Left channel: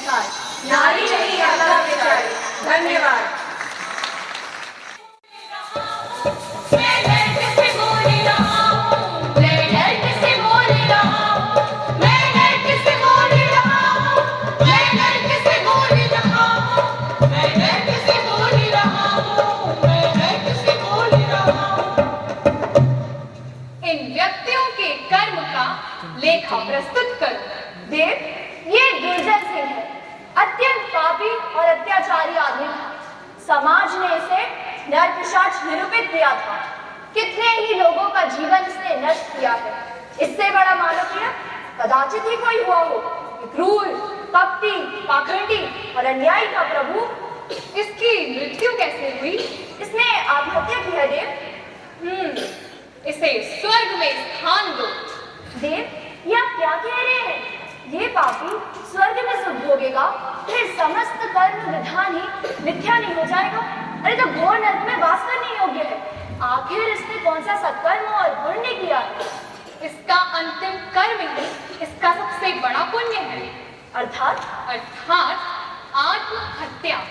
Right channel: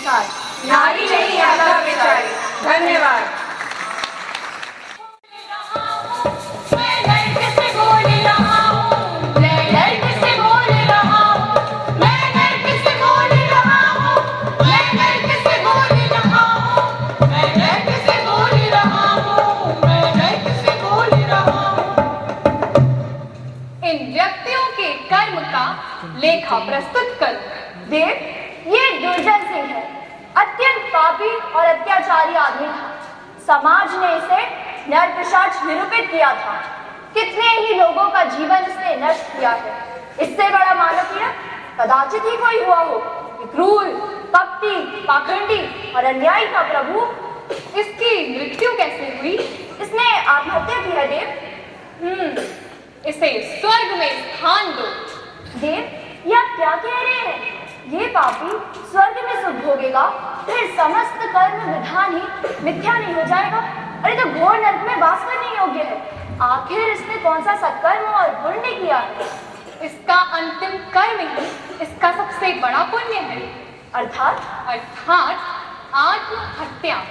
संसार, नारी नहीं आता बेचारी। धन्यवाद। लेखा प्रस्तुत कर। देव, ये दुर्जन सिंह है, अत्यंत पापी और अत्याचारी आदमी था। समाज ने इसे नरपिशाच निरूपित किया था। कितने ही लोगों का जीवन इसने नष्ट किया है। इससे बड़ा मानव पीड़क कदाचित ही कोई हुआ हो। क्रूर, कपटी, पाखंडी और अन्यायी का प्रभु। इसकी मृत्यु कैसे हुई? इसने आत्महत्या की है देव। इसे स्वर्ग में स्थान दो। देव, ये आप क्या कह रहे हैं? ये पापी स्वर्ग में सुख भोगेगा, फिर समस्त कर्म विधान ही मिथ्या नहीं हो जाएगा? अरे तो घोर नरक में वास करने योग्य है। आखिर इसने कौन सा सत्कर्म और पुण्य किया है? इसका अंतिम कर्म ही इसका सबसे बड़ा पुण्य है। अर्थात आत्महत्या।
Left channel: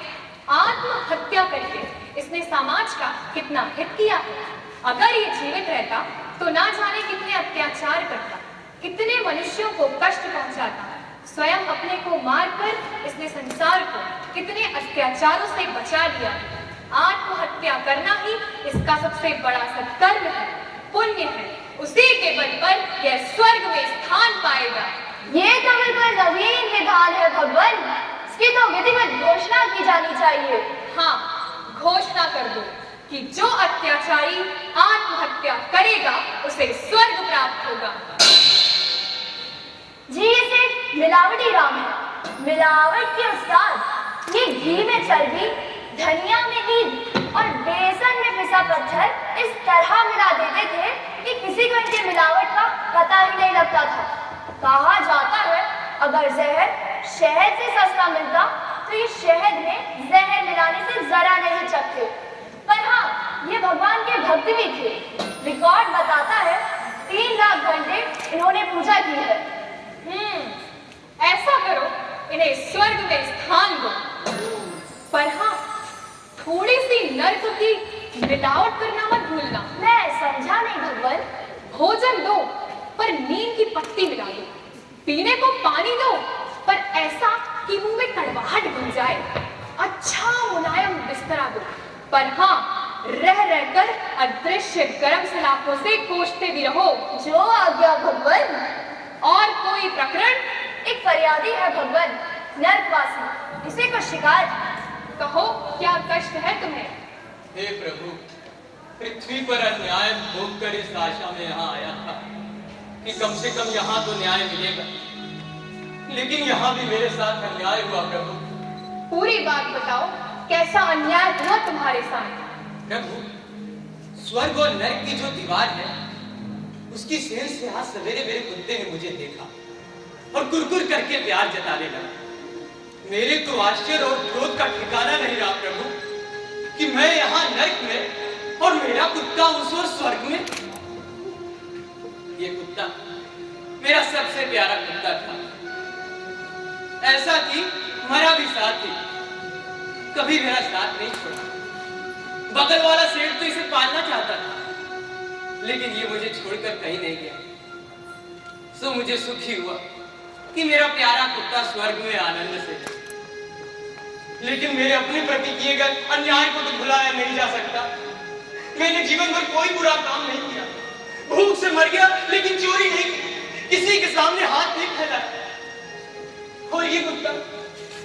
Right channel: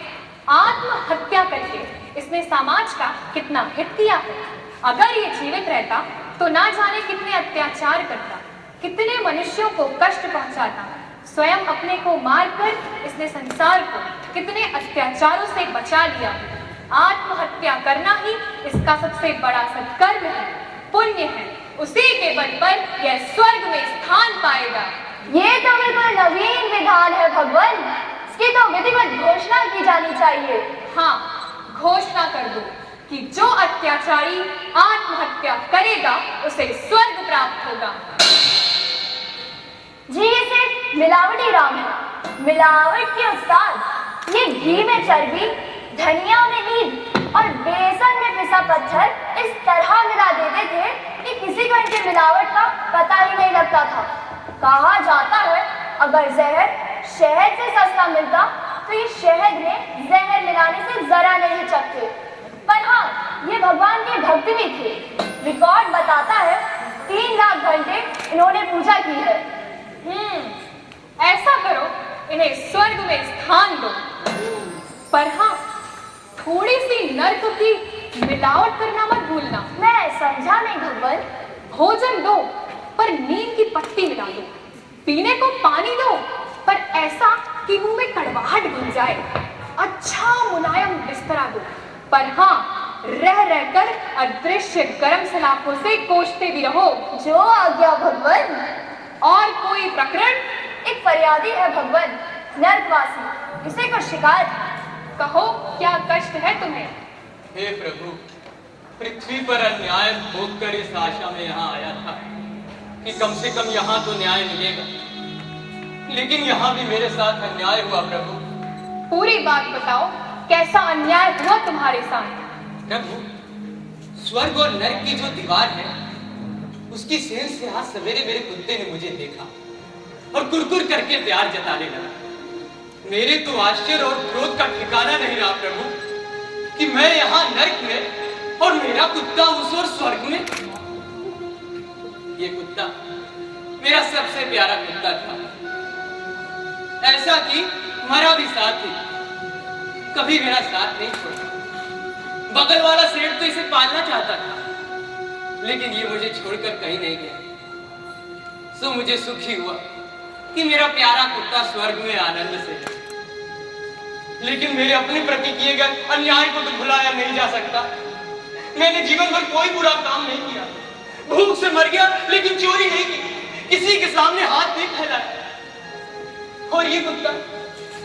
आत्महत्या करके इसने समाज का कितना हित किया है। अगर ये जीवित रहता तो ना जाने कितने अत्याचार करता, कितने मनुष्यों को कष्ट पहुंचाता। स्वयं अपने को मारकर इसने संसार को कितने अत्याचारों से बचा लिया। आत्महत्या करना ही इसका सबसे बड़ा सत्कर्म है, पुण्य है। उसी के बल पर यह स्वर्ग में स्थान पाएगा। ये तो बिल्कुल नवीन विधान है भगवान। इसकी तो विधिवत घोषणा की जानी चाहिए। हाँ, घोषणा कर दो कि जो अत्याचारी आत्महत्या करेगा उसे स्वर्ग प्राप्त होगा। जी, इसे मिलावटी राम है, मिलावट के उस्ताद। ये घी में चर्बी, धनिया में ईंट और बेसन में पिसा पत्थर इस तरह मिला देते थे कि किसी को इनकी मिलावट का पता ही नहीं लगता था। कहा जाता है अगर जहर शहद से सस्ता मिलता तो ये शहद में जहर मिलाने से जरा नहीं चखते। पर हाँ, ये भगवान के भक्त भी थे। रिकॉर्ड बताता है 3 लाख घंटे इन्होंने पूजा की है। ऐसा करो, इन्हें स्वर्ग में स्थान दो। पर हाँ, थोड़ी सी नर्क की मिलावट करना मत भूलना। मैं समझा नहीं भगवान। भोजन दो पर नीम की पत्ती मिला दो। पीने को पानी दो पर ऐसा कि मुंह में कड़वाहट घुल जाए। अच्छा मुलायम बिस्तरा दो पर हाँ, रह रहकर अदृश्य गर्म सलाखों से कोसते भी रहो। जो आज्ञा भगवान। और कोई प्रकरण? एक फरियादी है भगवान, नरकवासी। इसे कुछ शिकायत। कहो, क्या कष्ट है तुम्हें? हे प्रभु, पृथ्वी पर अन्याय भोग कर इस आशा में यहाँ आया था कि कम से कम यहाँ तो न्याय मिलेगा, लेकिन यहाँ भी मेरे साथ अन्याय हुआ प्रभु। पूरी बात बताओ, कैसा अन्याय हुआ तुम्हारे साथ? प्रभु, स्वर्ग और नरक की जो दीवार है उसकी सेंध से आज सवेरे मेरे कुत्ते ने मुझे देखा और कुरकुर करके प्यार जताने लगा। मेरे तो आश्चर्य और क्रोध का ठिकाना नहीं रहा प्रभु कि मैं यहाँ नरक में और मेरा कुत्ता उस ओर स्वर्ग में। ये कुत्ता मेरा सबसे प्यारा कुत्ता था, ऐसा कि मरा भी साथ ही, कभी मेरा साथ नहीं छोड़ा। बगल वाला सेठ तो इसे पालना चाहता था, लेकिन ये मुझे छोड़कर कहीं नहीं गया। सो मुझे सुखी हुआ कि मेरा प्यारा कुत्ता स्वर्ग में आनंद से है। लेकिन मेरे अपने प्रति किए गए अन्याय को तो भुलाया नहीं जा सकता। मैंने जीवन भर कोई बुरा काम नहीं किया, भूख से मर गया लेकिन चोरी नहीं की, किसी के सामने हाथ नहीं फैलाया। और ये कुत्ता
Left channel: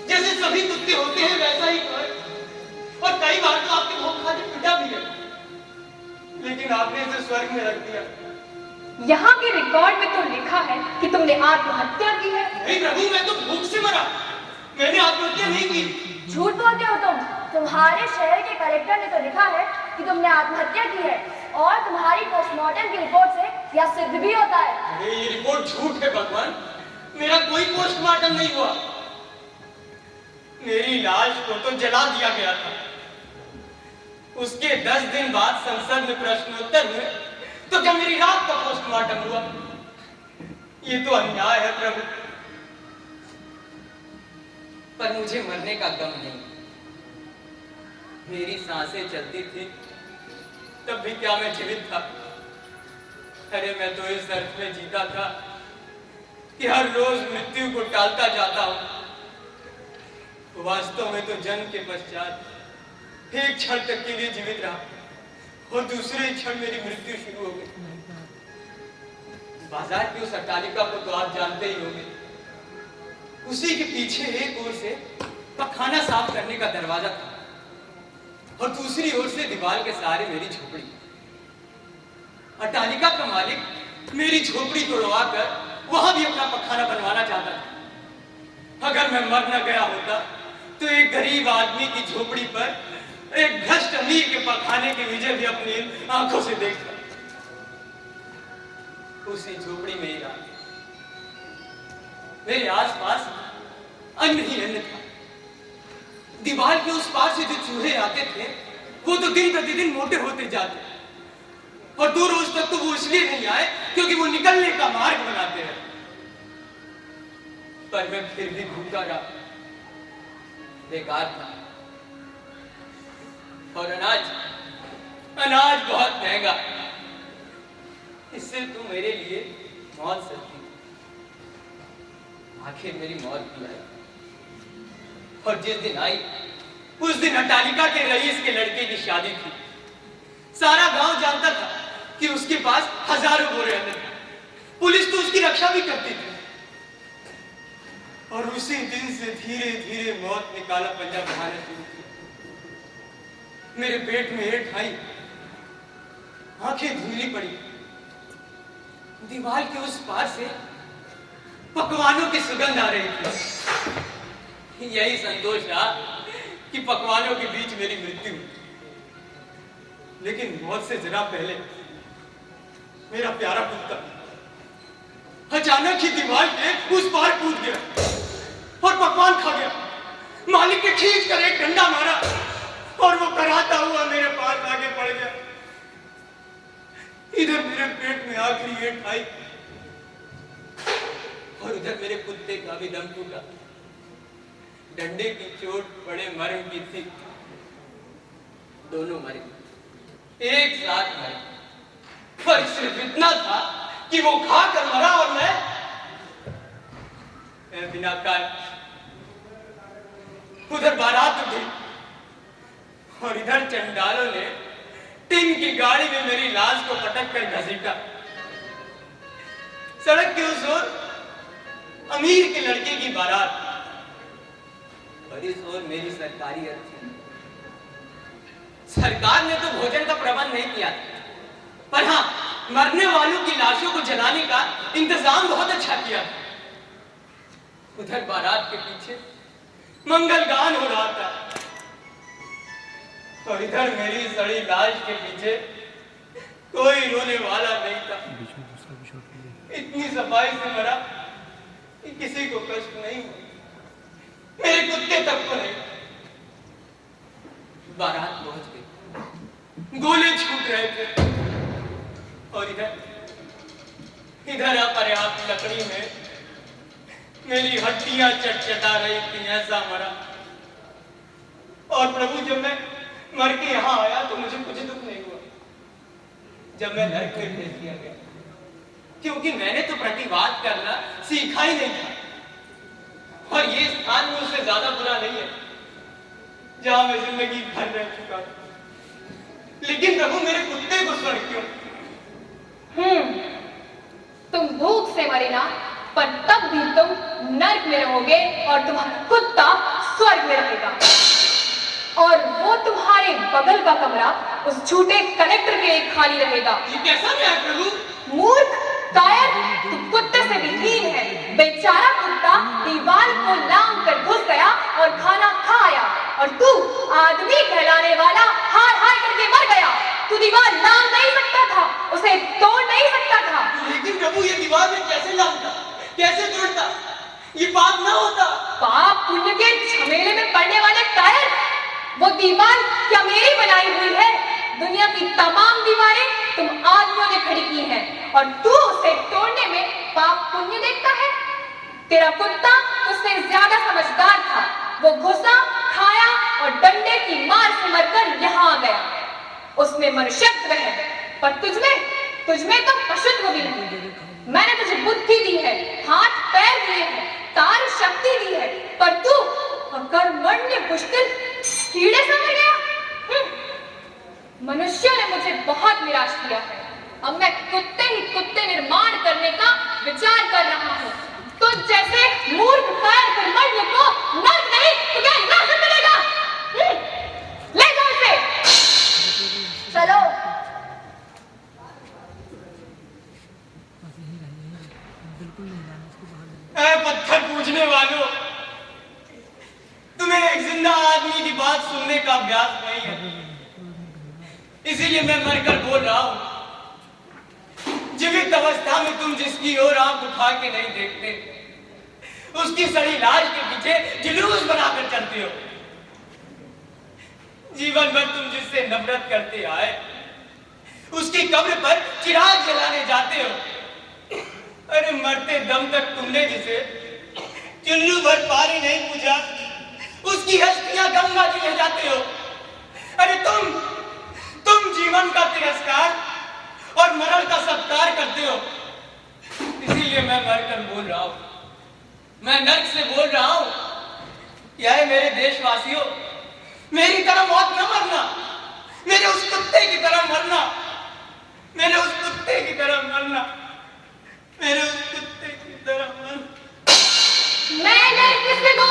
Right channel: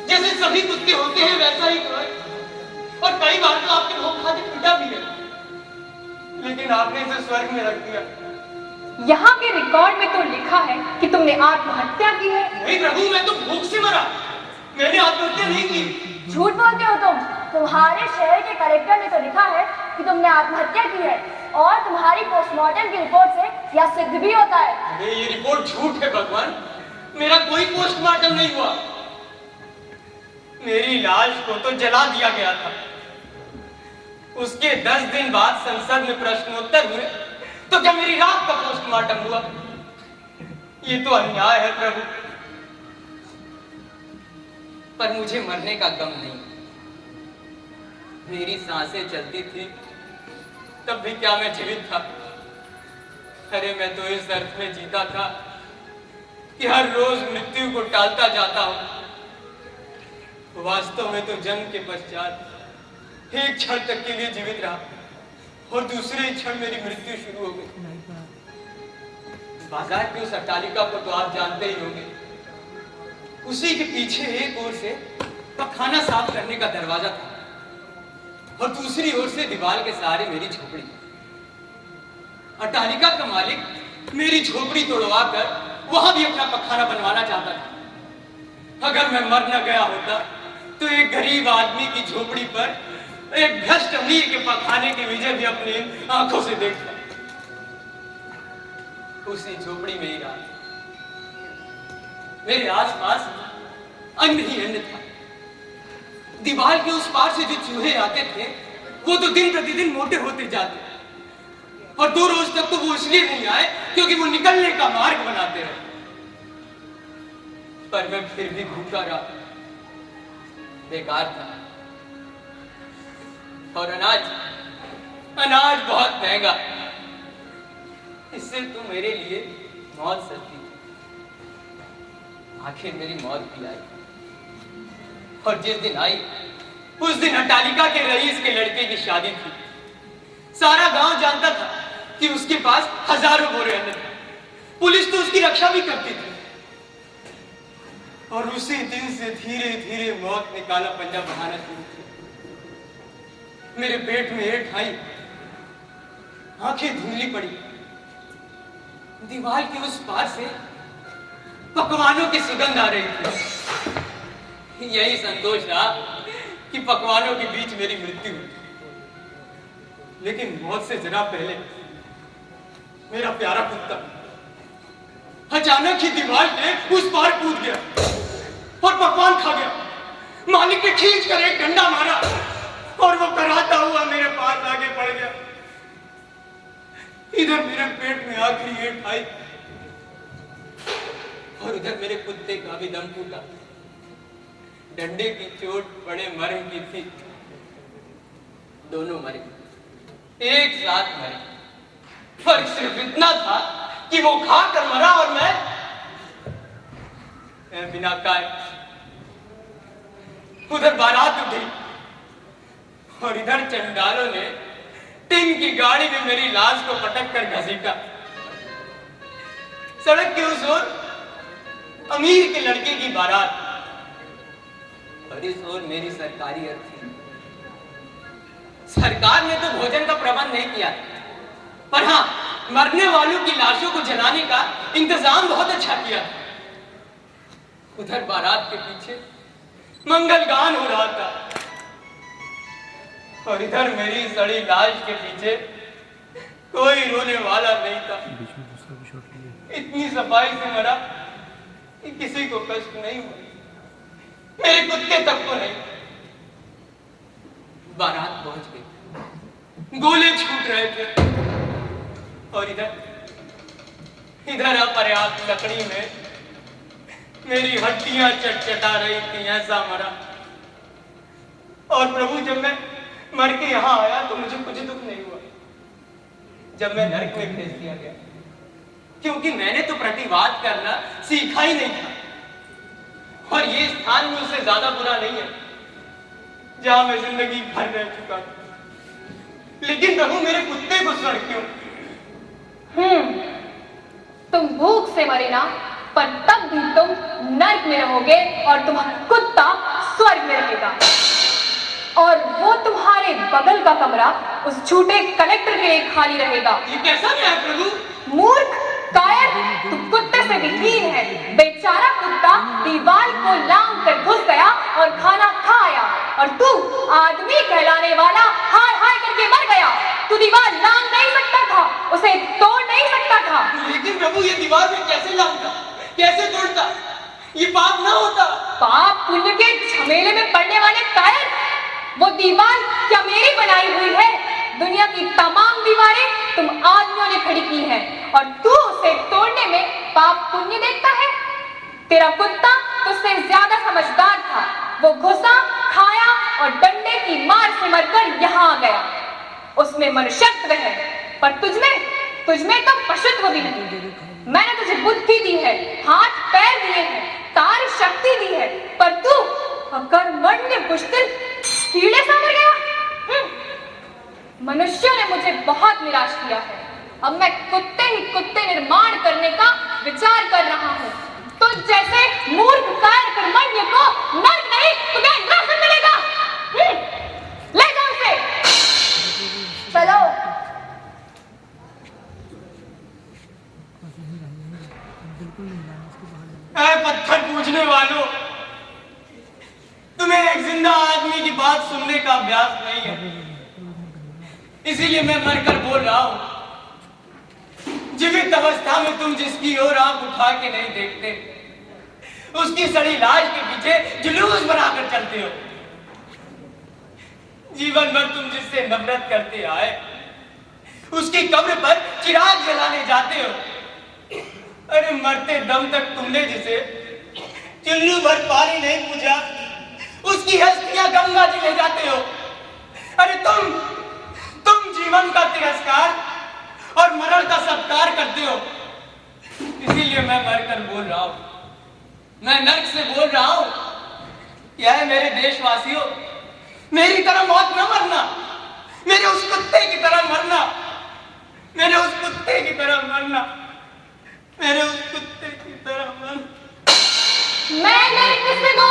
जैसे सभी कुत्ते होते हैं वैसा ही तो है, और कई बार तो आपके भोग खाते पिटा भी है, लेकिन आपने इसे स्वर्ग में रख दिया। यहाँ के रिकॉर्ड में तो लिखा है कि तुमने आत्महत्या की है। नहीं प्रभु, मैं तो भूख से मरा, मैंने आत्महत्या नहीं की। झूठ बोलते हो तुम। तुम्हारे शहर के कलेक्टर ने तो लिखा है कि तुमने आत्महत्या की है, और तुम्हारी पोस्टमार्टम की रिपोर्ट से यह सिद्ध भी होता है। अरे ये रिपोर्ट झूठ है भगवान, मेरा कोई पोस्टमार्टम नहीं हुआ। मेरी लाश को तो जला दिया गया था। उसके 10 दिन बाद संसद में प्रश्नोत्तर हुए तो क्या मेरी रात का पोस्टमार्टम हुआ? ये तो अन्याय है प्रभु। पर मुझे मरने का गम नहीं। मेरी सांसें चलती थी तब भी क्या मैं जीवित था? अरे मैं तो इस अर्थ में जीता था कि हर रोज मृत्यु को टालता जाता हूं। वास्तव में तो जन्म के पश्चात एक क्षण तक के लिए जीवित रहा और दूसरे ही क्षण मेरी मृत्यु शुरू हो गई। बाजार की उस अट्टालिका को तो आप जानते ही होंगे। उसी के पीछे एक ओर से पखाना साफ करने का दरवाजा था और दूसरी ओर से दीवार के सहारे मेरी झोपड़ी। अट्टालिका का मालिक मेरी झोपड़ी तोड़वा कर वहां भी अपना पखाना बनवाना चाहता था। अगर मैं मर न गया होता तो एक गरीब आदमी की झोपड़ी पर एक भ्रष्ट अमीर के पखाने की विजय भी अपनी आंखों से देखता। उसी झोपड़ी में ही रहा। मेरे आसपास अन्न ही अन्न था। दीवार के उस पार से जो चूहे आते थे वो तो दिन प्रतिदिन मोटे होते जाते और 2 रोज तक तो वो इसलिए नहीं आए क्योंकि वो निकलने का मार्ग बनाते रहे। पर मैं फिर भी भूखा रहा, बेकार था। और अनाज बहुत महंगा। इससे तो मेरे लिए मौत सस्ती थी। आखिर मेरी मौत भी आई और जिस दिन आई उस दिन अट्टालिका के रईस के लड़के की शादी थी। सारा गांव जानता था कि उसके पास हजारों बोरे अन्न थे। पुलिस तो उसकी रक्षा भी करती थी। और उसी दिन से धीरे धीरे मौत ने काला पंजा बढ़ाना शुरू किया। मेरे पेट में हेठ आई, आंखें धुंधली पड़ी। दीवार के उस पार से पकवानों की सुगंध आ रही थी। यही संतोष रहा कि पकवानों के बीच मेरी मृत्यु हुई। लेकिन मौत से जरा पहले मेरा प्यारा कुत्ता अचानक ही दीवार के उस पार कूद गया और पकवान खा गया। मालिक ने खींच कर एक डंडा मारा और वो कराता हुआ मेरे पास आगे पड़ गया। इधर मेरे पेट में आखिरी हेठ आई और उधर मेरे कुत्ते का भी दम टूटा। डंडे की चोट बड़े मर्म की थी। दोनों मरे, एक साथ मरे। पर सिर्फ इतना था कि वो खा कर मरा और मैं बिना खाए। उधर बारात उठी और इधर चंडालों ने टिन की गाड़ी में मेरी लाश को पटक कर घसीटा। सड़क के उस ओर अमीर के लड़के की बारात और इस ओर मेरी सरकारी अर्थी। सरकार ने तो भोजन का प्रबंध नहीं किया, पर हाँ, मरने वालों की लाशों को जलाने का इंतजाम बहुत अच्छा किया। उधर बारात के पीछे मंगल गान हो रहा था और इधर मेरी सड़ी लाश के पीछे कोई रोने वाला नहीं था। इतनी सफाई से मरा कि किसी को कष्ट नहीं हुआ, मेरे कुत्ते तक को नहीं। बारात पहुंच गई, गोले छूट रहे थे और इधर अपर्याप्त लकड़ी में मेरी हड्डियां चटचटा रही थी। ऐसा मरा। और प्रभु, जब मैं मर के यहां आया तो मुझे कुछ दुख नहीं हुआ। जब मैं नरक में भेज दिया गया, क्योंकि मैंने तो प्रतिवाद करना सीखा ही नहीं था। और ये स्थान भी उससे ज्यादा बुरा नहीं है जहां मैं जिंदगी भर रह चुका था। लेकिन प्रभु, मेरे कुत्ते को स्वर्ग क्यों? तुम भूख से मरे ना, पर तब भी तुम नर्क में रहोगे और तुम्हारा कुत्ता स्वर्ग में रहेगा। और वो तुम्हारे बगल का कमरा उस झूठे कलेक्टर के लिए खाली रहेगा। ये कैसा न्याय प्रभु? मूर्ख, कायर, तू कुत्ते से भी हीन है। बेचारा कुत्ता दीवार को लांघ कर घुस गया और खाना खा आया, और तू आदमी कहलाने वाला हाय हाय करके मर गया। तू दीवार लांघ नहीं सकता था, उसे तोड़ नहीं सकता था। लेकिन प्रभु, ये दीवार में कैसे लांघता, कैसे तोड़ता? ये पाप ना होता? पाप पुण्य के झमेले में पड़ने वाले कायर, वो दीवार क्या मेरी बनाई हुई है? दुनिया की तमाम दीवारें तुम आदमियों ने खड़ी की हैं और तू उसे तोड़ने में पाप पुण्य देखता है। तेरा कुत्ता तुझसे ज्यादा समझदार था। वो घुसा, खाया और डंडे की मार से मरकर यहाँ आ गया। उसमें मनुष्यत्व है, पर तुझमें तो पशुत्व भी है। मैंने तुझे बुद्धि दी है, हाथ पैर दिए हैं, कार्य शक्ति दी है, पर तू अकर्मण्य बुझदिल कीड़े सा मर गया। मनुष्यों ने मुझे बहुत निराश किया है। अब मैं कुत्ते ही कुत्ते निर्माण करने का विचार कर रहा हूँ। तो जैसे मूर्ख कायर कर्मण्य को नर्क नहीं तो क्या नरक से मिलेगा? ले जाओ इसे। चलो। ऐ पत्थर पूजने वालों, तुम्हें एक जिंदा आदमी की बात सुनने का अभ्यास नहीं है, इसीलिए मैं मरकर बोल रहा हूं। जीवित अवस्था में तुम जिसकी ओर आंख उठा के नहीं देखते, उसकी सड़ी लाश के पीछे जुलूस बनाकर चलते हो। जीवन भर तुम जिससे नफरत करते आए, उसकी कब्र पर चिराग जलाने जाते हो। अरे मरते दम तक तुमने जिसे चुल्लू भर पानी नहीं पूजा, उसकी अस्थियां गंगा जी ले जाते हो। अरे तुम जीवन का तिरस्कार और मरण का सत्कार करते हो। इसीलिए मैं मरकर बोल रहा हूं, मैं नर्क से बोल रहा हूं, क्या है मेरे देशवासियों, मेरी तरह मौत न मरना, मेरे उस कुत्ते की तरह मरना, मेरे उस कुत्ते की तरह मरना, मेरे उस कुत्ते की तरह मरना। मैंने किसी को